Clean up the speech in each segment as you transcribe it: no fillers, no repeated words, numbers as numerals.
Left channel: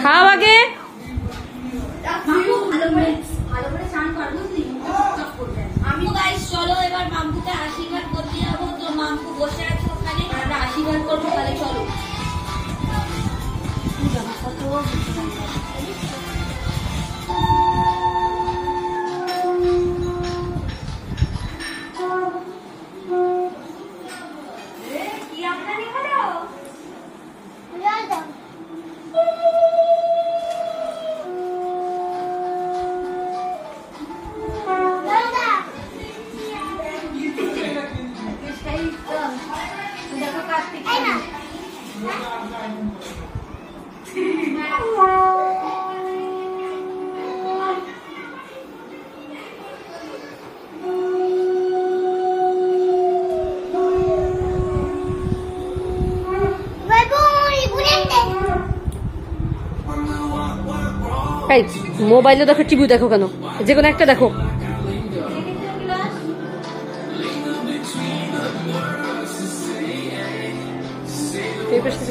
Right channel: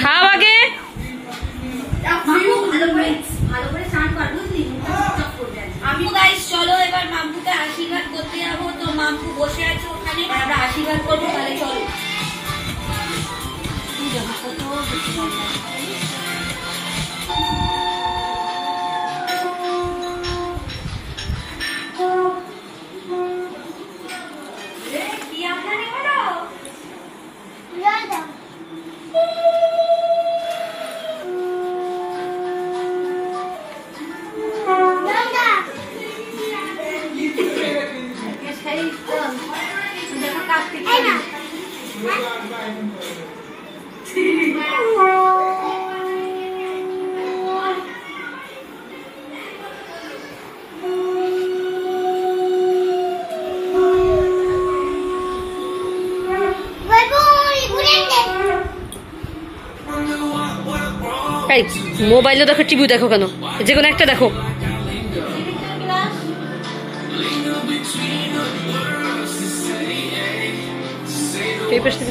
খাও আগে। আমি গাইস চলো এবার মাম্পুকে আশীর্বাদ করতে যাবো। তো মাম্পু বসে আছে ওখানে, আমরা আশীর্বাদ করবো। তাহলে চলো। মোবাইলে দেখো, টিভি দেখো কেন? যে কোনো একটা দেখো।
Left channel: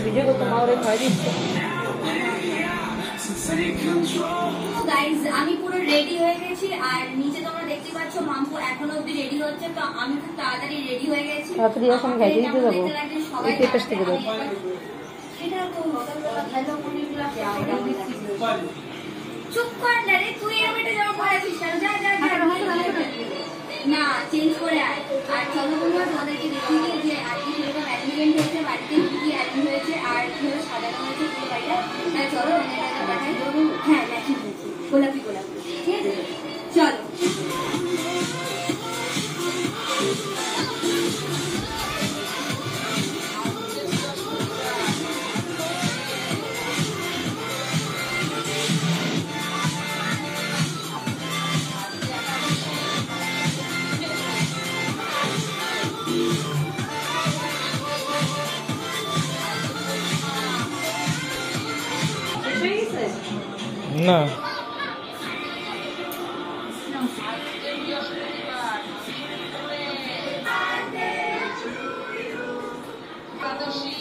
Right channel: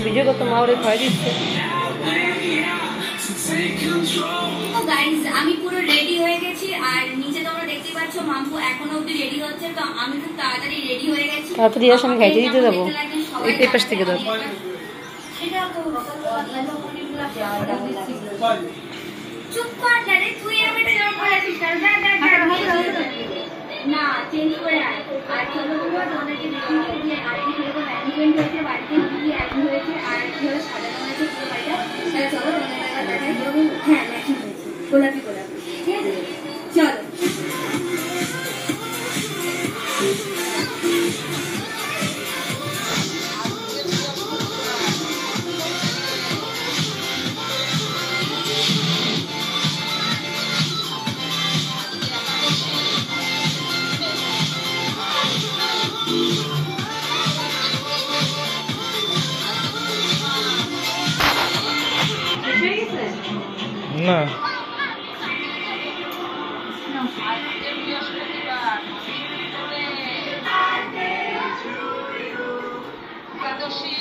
ভিডিও করতে মা ওরে ভয় দিচ্ছে। আমি পুরো রেডি হয়ে গেছি, আর নিচে তোমরা দেখতে পাচ্ছ মাম্পু এখনো অব্দি রেডি হচ্ছে। তো আমি খুব তাড়াতাড়ি রেডি হয়ে গেছি। তাড়াতাড়ি আসো, আমি খাইতে দিতে যাবো। এই পেপার থেকে দাও। চুপ কর না রে, তুই এর মধ্যে জল পড়াছিস না। যা যা না, চেঞ্জ করে আয়। আর চলো তোমরা তোমাদেরকে দেখিয়ে দিই যে আজকে কিরকম অ্যারেঞ্জমেন্ট হয়েছে, বাড়িতে কি কি অ্যারেঞ্জ হয়েছে, আর কিভাবে সাজানো হয়েছে পুরো বাড়িটা। তাহলে চলো তোমাদের দেখাই। হ্যাঁ ম্যাচিং হয়েছে, গোলাপি গোলাপি। ঠিক আছে, চলো। না একাদশী